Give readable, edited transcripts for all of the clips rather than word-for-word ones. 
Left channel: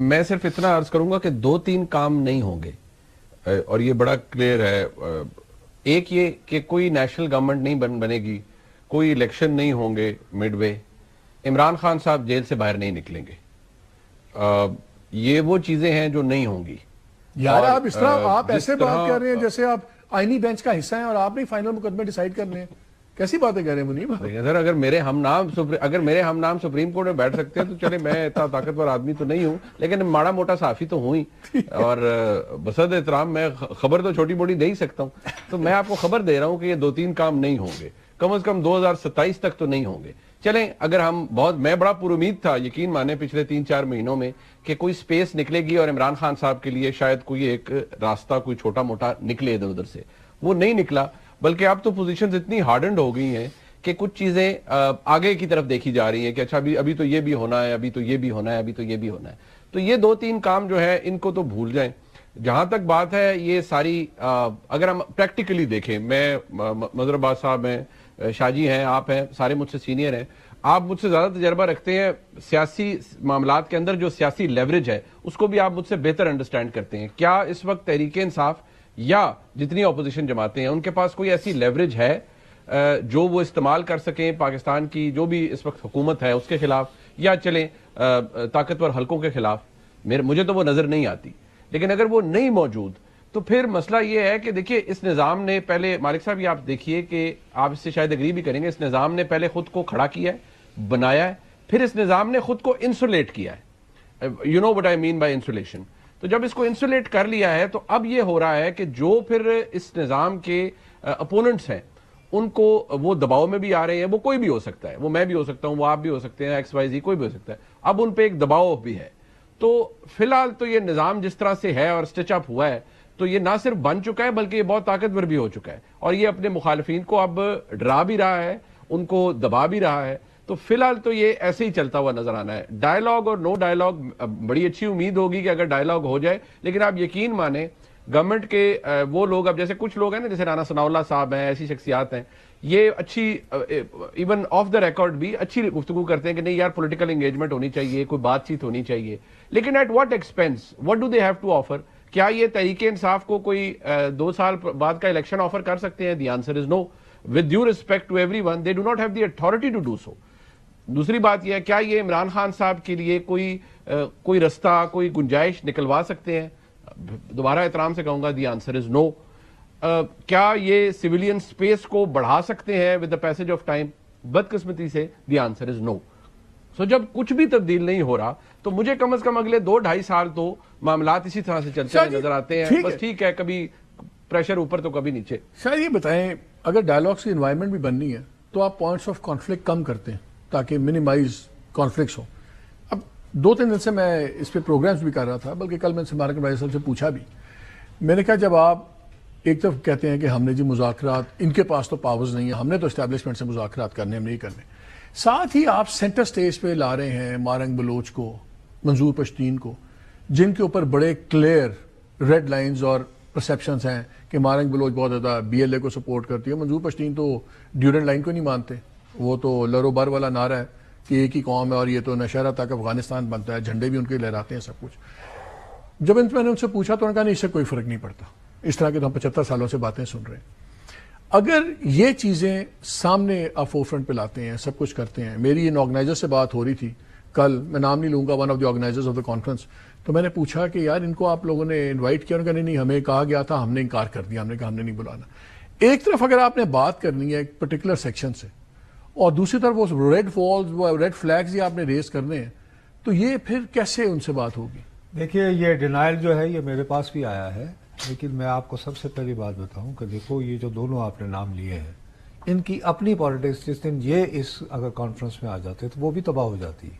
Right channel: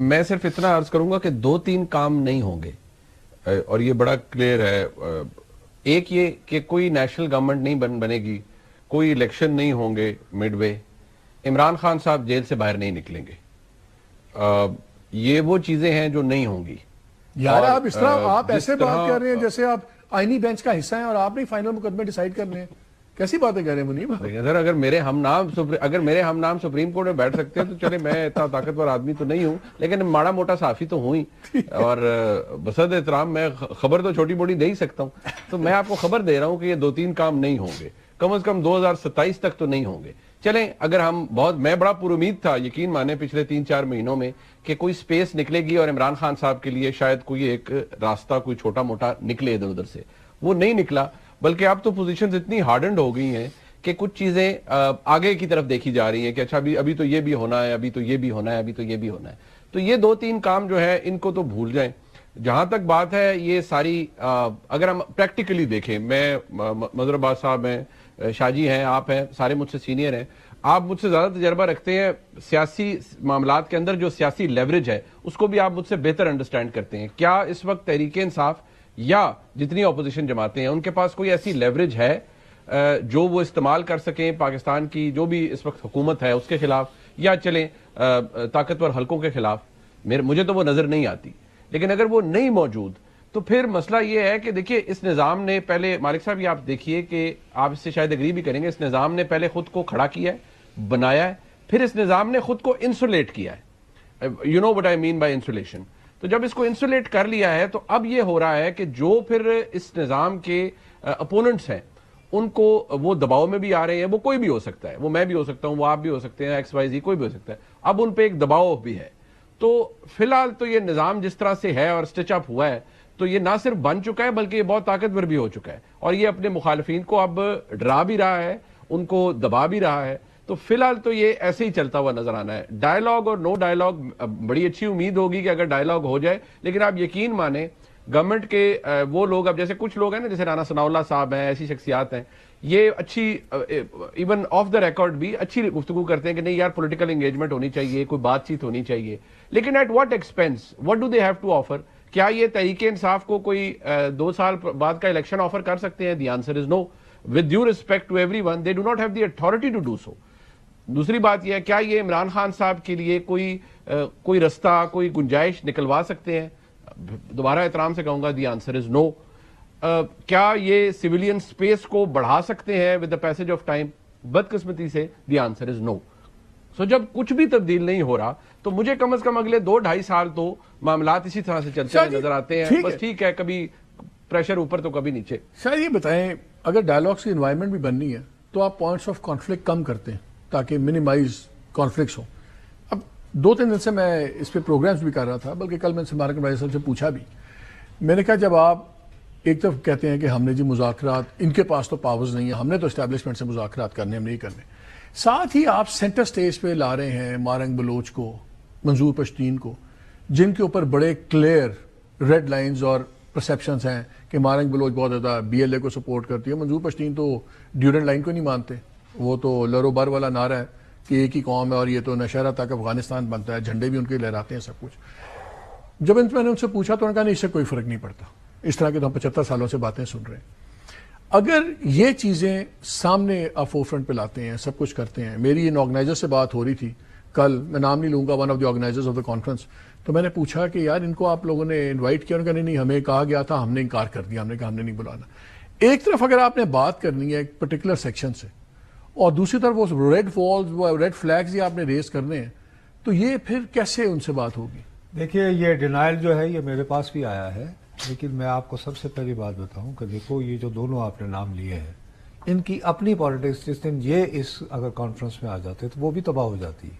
میں صرف اتنا عرض کروں گا کہ 2-3 کام نہیں ہوں گے اور یہ بڑا کلیئر ہے. ایک یہ کہ کوئی نیشنل گورنمنٹ نہیں بنے گی, کوئی الیکشن نہیں ہوں گے مڈ وے, عمران خان صاحب جیل سے باہر نہیں نکلیں گے. یہ وہ چیزیں ہیں جو نہیں ہوں گی. یار آپ اس طرح آپ ایسے بات کر رہے ہیں جیسے آپ آئینی بینچ کا حصہ ہیں اور آپ نے فائنل مقدمے ڈیسائیڈ کرنے ہیں. کیسی باتیں کر رہے ہیں منیب؟ اگر میرے ہم نام سپریم کورٹ میں بیٹھ سکتے ہیں تو چلے, میں اتنا طاقتور آدمی تو نہیں ہوں لیکن ماڑا موٹا صحافی تو ہوں ہی, اور بصد احترام میں خبر تو چھوٹی موٹی دے ہی سکتا ہوں. تو میں آپ کو خبر دے رہا ہوں کہ یہ 2-3 کام نہیں ہوں گے, کم از کم 2027 تک تو نہیں ہوں گے. چلیں اگر ہم میں بڑا پر امید تھا, یقین مانے پچھلے 3-4 مہینوں میں, کہ کوئی سپیس نکلے گی اور عمران خان صاحب کے لیے شاید کوئی ایک راستہ کوئی چھوٹا موٹا نکلے ادھر ادھر سے. وہ نہیں نکلا, بلکہ اب تو پوزیشنز اتنی ہارڈنڈ ہو گئی ہیں کہ کچھ چیزیں آگے کی طرف دیکھی جا رہی ہے کہ اچھا ابھی تو یہ بھی ہونا ہے, ابھی تو یہ بھی ہونا ہے, ابھی تو یہ بھی ہونا ہے. تو یہ 2-3 کام جو ہے ان کو تو بھول جائیں. جہاں تک بات ہے یہ ساری, اگر ہم پریکٹیکلی دیکھیں, میں مظہر عباس صاحب ہیں, شاہ جی ہیں, آپ ہیں, سارے مجھ سے سینئر ہیں, آپ مجھ سے زیادہ تجربہ رکھتے ہیں سیاسی معاملات کے اندر. جو سیاسی لیوریج ہے اس کو بھی آپ مجھ سے بہتر انڈرسٹینڈ کرتے ہیں. کیا اس وقت تحریک انصاف یا جتنی اپوزیشن جماعتیں ہیں ان کے پاس کوئی ایسی لیوریج ہے جو وہ استعمال کر سکیں پاکستان کی جو بھی اس وقت حکومت ہے اس کے خلاف, یا چلیں طاقتور حلقوں کے خلاف؟ مجھے تو وہ نظر نہیں آتی. لیکن اگر وہ نہیں موجود تو پھر مسئلہ یہ ہے کہ دیکھیے اس نظام نے پہلے, مالک صاحب یہ آپ دیکھیے کہ آپ اس سے شاید اگری بھی کریں گے, اس نظام نے پہلے خود کو کھڑا کیا ہے, بنایا ہے, پھر اس نظام نے خود کو انسولیٹ کیا ہے. You know what I mean by insulation. تو جب اس کو انسولیٹ کر لیا ہے تو اب یہ ہو رہا ہے کہ جو پھر اس نظام کے اپوننٹس ہیں ان کو وہ دباؤ میں بھی آ رہے ہیں. وہ کوئی بھی ہو سکتا ہے, وہ میں بھی ہو سکتا ہوں, وہ آپ بھی ہو سکتے ہیں, XYZ کوئی بھی ہو سکتا ہے. اب ان پہ ایک دباؤ بھی ہے. تو فی الحال تو یہ نظام جس طرح سے ہے اور سٹچ اپ ہوا ہے تو یہ نہ صرف بن چکا ہے بلکہ یہ بہت طاقتور بھی ہو چکا ہے, اور یہ اپنے مخالفین کو اب ڈرا بھی رہا ہے, ان کو دبا بھی رہا ہے. تو فی الحال تو یہ ایسے ہی چلتا ہوا نظر آنا ہے. ڈائیلاگ اور نو ڈائیلاگ, بڑی اچھی امید ہوگی کہ اگر ڈائیلاگ ہو جائے, لیکن آپ یقین مانیں گورنمنٹ کے وہ لوگ, اب جیسے کچھ لوگ ہیں نا, جیسے رانا ثناء اللہ صاحب ہیں, ایسی شخصیات ہیں, یہ اچھی ایون آف دا ریکارڈ بھی اچھی گفتگو کرتے ہیں کہ نہیں یار پولیٹیکل انگیجمنٹ ہونی چاہیے, کوئی بات چیت ہونی چاہیے, لیکن at what expense, what do they have to offer? کیا یہ تحریک انصاف کو کوئی 2 سال بعد کا الیکشن آفر کر سکتے ہیں؟ The answer is no. With due respect to everyone, they do not have the authority to do so. دوسری بات یہ ہے, کیا یہ عمران خان صاحب کے لیے کوئی رستہ, کوئی گنجائش نکلوا سکتے ہیں؟ دوبارہ احترام سے کہوں گا, دی آنسر از نو. کیا یہ سویلین سپیس کو بڑھا سکتے ہیں with the passage of time? بدقسمتی سے دی آنسر از نو. سو جب کچھ بھی تبدیل نہیں ہو رہا تو مجھے کم از کم اگلے 2-2.5 سال تو معاملات اسی طرح سے چلتے ہوئے نظر آتے ہیں. بس ٹھیک ہے, کبھی پریشر اوپر تو کبھی نیچے. سر یہ بتائیں, اگر ڈائیلاگس کی انوائرمنٹ بھی بننی ہے تو آپ پوائنٹس آف کانفلکٹ کم کرتے ہیں تاکہ منیمائز کانفلکٹس ہوں. اب 2-3 دن سے میں اس پہ پروگرامس بھی کر رہا تھا, بلکہ کل میں نے مبارک بھائی صاحب سے پوچھا بھی. میں نے کہا جب آپ ایک طرف کہتے ہیں کہ ہم نے جی مذاکرات, ان کے پاس تو پاورز نہیں ہے, ہم نے تو اسٹیبلشمنٹ سے مذاکرات کرنے, ہم نہیں کرنے, ساتھ ہی آپ سینٹر سٹیج پہ لا رہے ہیں مارنگ بلوچ کو, منظور پشتین کو, جن کے اوپر بڑے کلیئر ریڈ لائنز اور پرسیپشنز ہیں کہ مارنگ بلوچ بہت زیادہ BLA کو سپورٹ کرتی ہے, منظور پشتین تو ڈیورنڈ لائن کو نہیں مانتے, وہ تو لرو بر والا نعرہ ہے کہ ایک ہی قوم ہے اور یہ تو نشہرہ تک افغانستان بنتا ہے, جھنڈے بھی ان کے لہراتے ہیں, سب کچھ. جب میں نے ان سے پوچھا تو انہوں نے کہا نہیں, اس سے کوئی فرق نہیں پڑتا, اس طرح کے تو ہم 75 سالوں سے باتیں سن رہے ہیں. اگر یہ چیزیں سامنے آپ فور فرنٹ پہ لاتے ہیں, سب کچھ کرتے ہیں. میری ان آرگنائزر سے بات ہو رہی تھی کل, میں نام نہیں لوں گا, one of the organisers of the conference, تو میں نے پوچھا کہ یار ان کو آپ لوگوں نے انوائٹ کیا؟ انہوں نے کہا نہیں, ہمیں کہا گیا تھا, ہم نے انکار کر دیا, ہم نے کہا ہم نے نہیں بلانا. ایک طرف اگر آپ نے بات کرنی ہے ایک پرٹیکولر سیکشن سے, اور دوسری طرف وہ ریڈ فالز, وہ ریڈ فلیگز ہی آپ نے ریز کرنے ہیں, تو یہ پھر کیسے ان سے بات ہوگی؟ دیکھیے یہ ڈینائل جو ہے یہ میرے پاس بھی آیا ہے, لیکن میں آپ کو سب سے پہلی بات بتاؤں کہ دیکھو یہ جو دونوں آپ نے نام لیے ہیں ان کی اپنی پالیٹکس, جس دن یہ اس اگر کانفرنس میں آ جاتے ہیں تو وہ بھی تباہ ہو جاتی ہے.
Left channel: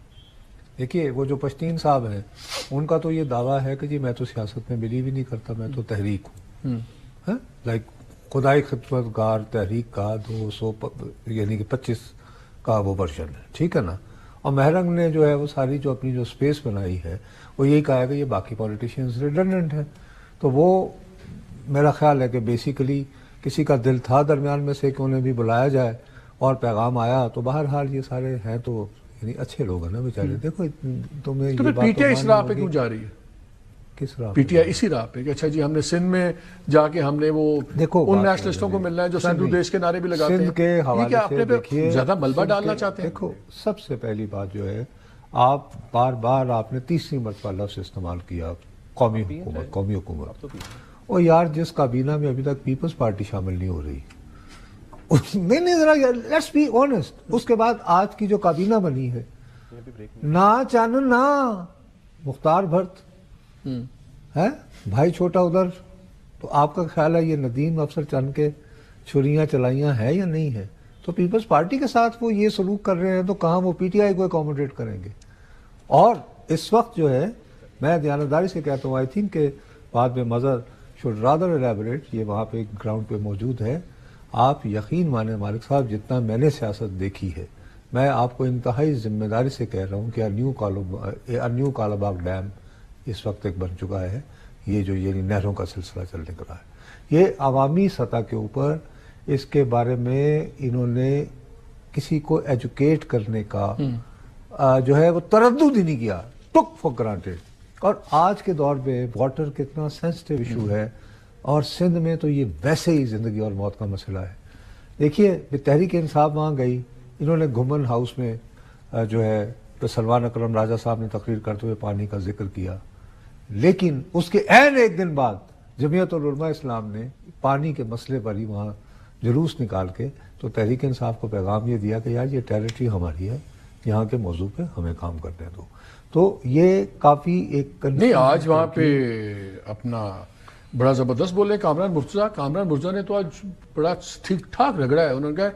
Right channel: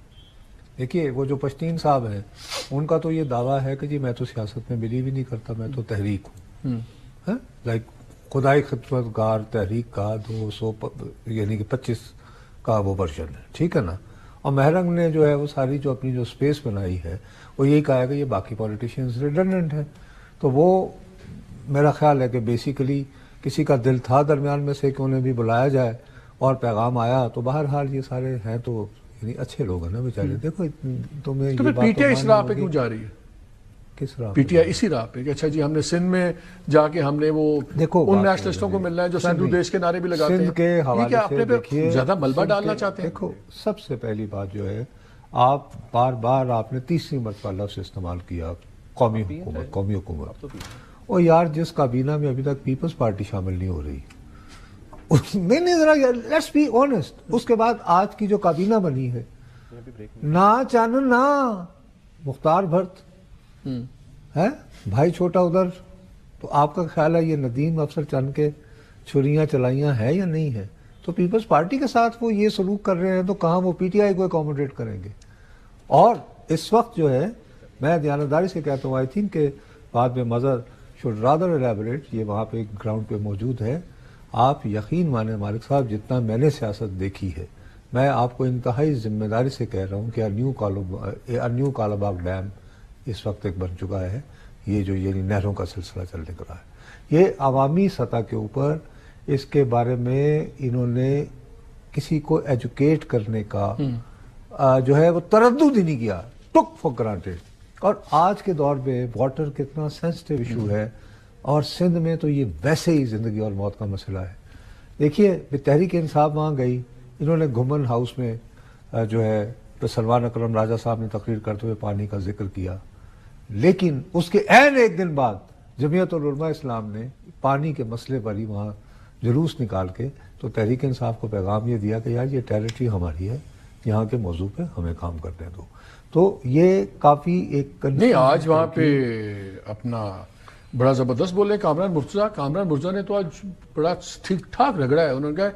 دیکھیے وہ جو پشتین صاحب ہیں ان کا تو یہ دعویٰ ہے کہ جی میں تو سیاست میں بلیو ہی نہیں کرتا, میں تو تحریک ہوں, لائک خدائی خدمت گار تحریک کا 200 یعنی کہ 25 کا وہ ورژن ہے, ٹھیک ہے نا. اور مہرنگ نے جو ہے وہ ساری جو اپنی جو اسپیس بنائی ہے وہ یہ کہا کہ باقی پولیٹیشینز ریڈنڈنٹ ہیں. تو وہ میرا خیال ہے کہ بیسیکلی کسی کا دل تھا درمیان میں سے کہ انہیں بھی بلایا جائے اور پیغام آیا, تو بہرحال یہ سارے ہیں تو یعنی اچھے لوگ ہیں نا بیچارے. دیکھو تمہیں تو یہ پھر بات پی ٹی آئی اس ماننی راہ پہ ہوگی. کیوں جا رہی ہے؟ کس راہ پی پہ؟ ٹی آئی اسی راہ پہ کہ اچھا جی ہم نے سندھ میں جا کے ہم نے وہ دیکھو ان بات نیشنلسٹوں یہ کو ہے. ملنا ہے جو سندھو دیش کے نعرے بھی لگاتے سندھ کے ہیں. یہ حوالے کیا سے اپنے پہ دیکھیے، زیادہ ملبہ سندھ ڈالنا کے- چاہتے ہیں؟ دیکھو سب سے پہلی بات جو ہے، آپ بار بار آپ نے تیسری مرتبہ لفظ استعمال کیا قومی حکومت. اور یار جس کابینہ میں ابھی تک پیپلز پارٹی شامل نہیں ہو رہی، نہیں نہیں ذرا لیٹس بی آنےسٹ، اس کے بعد آج کی جو کابینہ بنی ہے، نہ چانن نہ مختار بھٹ ہے بھائی چھوٹا ادھر، تو آپ کا خیال ہے یہ ندیم افسر چند کے چھریاں چلائیاں ہے یا نہیں ہے؟ تو پیپلز پارٹی کے ساتھ وہ یہ سلوک کر رہے ہیں تو کہاں وہ پی ٹی آئی کو اکوموڈیٹ کریں گے؟ اور اس وقت جو ہے میں دیانتداری سے کہتا ہوں، آئی تھنک کہ بعد میں مظہر شوڈ رادر الیبوریٹ، یہ وہاں پہ گراؤنڈ پہ موجود ہے. آپ یقین مانیں مالک صاحب، جتنا میں نے سیاست دیکھی ہے، میں آپ کو انتہائی ذمہ داری سے کہہ رہا ہوں کہ نیو کالا باغ ڈیم اس وقت ایک بن چکا ہے. یہ جو یعنی نہروں کا سلسلہ چلنے کا ہے، یہ عوامی سطح کے اوپر اس کے بارے میں انہوں نے کسی کو ایجوکیٹ کرنے کا جو ہے وہ تردد ہی نہیں کیا، ٹک فار گرانٹیڈ. اور آج کے دور میں واٹر کتنا سینسٹیو ایشو ہے، اور سندھ میں تو یہ ویسے ہی زندگی اور موت کا مسئلہ ہے. دیکھیے تحریک انصاف وہاں گئی، انہوں نے گمن ہاؤس میں جو ہے تو سلمان اکرم راجہ صاحب نے تقریر کرتے ہوئے پانی کا ذکر کیا، لیکن اس کے عین ایک دن بعد جمعیت العلماء اسلام نے پانی کے مسئلے پر ہی وہاں جلوس نکال کے تو تحریک انصاف کو پیغام یہ دیا کہ یار یہ ٹیریٹری ہماری ہے، یہاں کے موضوع پہ ہمیں کام کرنے دو. تو یہ کافی ایک نہیں آج وہاں پہ اپنا بڑا زبردست بول رہے ہیں کامران مرزا نے تو آج بڑا ٹھیک ٹھاک رگڑا ہے. انہوں نے کہا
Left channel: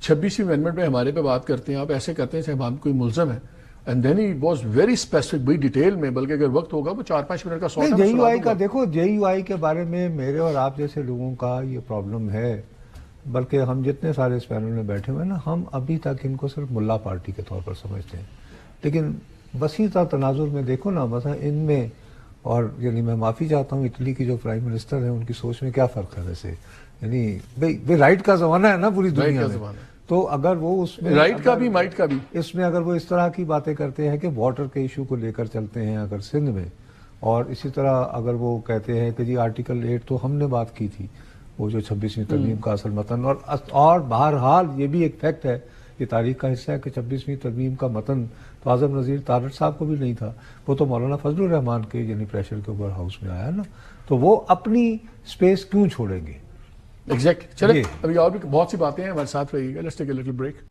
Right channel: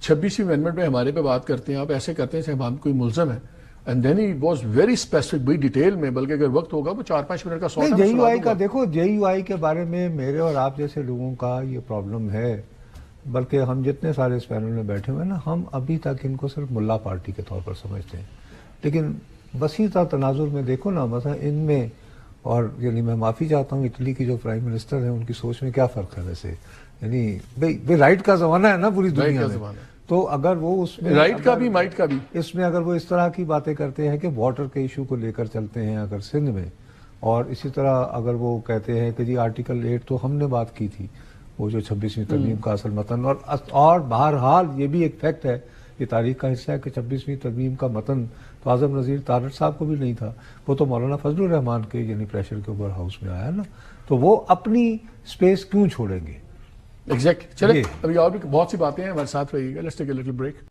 26ویں امینڈمنٹ میں ہمارے پہ بات کرتے ہیں، آپ ایسے کرتے ہیں صاحب ہم کوئی ملزم ہے. And then he was very specific, بڑی ڈیٹیل میں، بلکہ اگر وقت ہوگا وہ 4-5 منٹ کا نہیں. جے یو آئی کا دیکھو، جے یو آئی کے بارے میں میرے اور آپ جیسے لوگوں کا یہ پرابلم ہے، بلکہ ہم جتنے سارے اس پینل میں بیٹھے ہوئے نا، ہم ابھی تک ان کو صرف ملا پارٹی کے طور پر سمجھتے ہیں. لیکن وسیع تر تناظر میں دیکھو نا، مثلا ان میں، اور یعنی میں معافی چاہتا ہوں اٹلی کی جو پرائم منسٹر ہیں ان کی سوچ میں کیا فرق ہے ویسے. یعنی رائٹ کا زمانہ ہے نا پوری دنیا میں، تو اگر وہ اس میں رائٹ کا بھی مائٹ کا بھی اس میں اگر وہ اس طرح کی باتیں کرتے ہیں کہ واٹر کے ایشو کو لے کر چلتے ہیں اگر سندھ میں، اور اسی طرح اگر وہ کہتے ہیں کہ جی آرٹیکل 8 تو ہم نے بات کی تھی، وہ جو 26ویں ترمیم کا اصل متن، اور بہرحال یہ بھی ایک فیکٹ ہے، یہ تاریخ کا حصہ ہے کہ 26ویں ترمیم کا متن تو اعظم نذیر تارڑ صاحب کو بھی نہیں تھا، وہ تو مولانا فضل الرحمان کے یعنی پریشر کے اوپر ہاؤس میں آیا نا، تو وہ اپنی اسپیس کیوں چھوڑیں گے؟ ایگزیکٹ. چلے ابھی اور بھی بہت سی باتیں ہیں ہمارے ساتھ رہیے گا. Let's take a little break.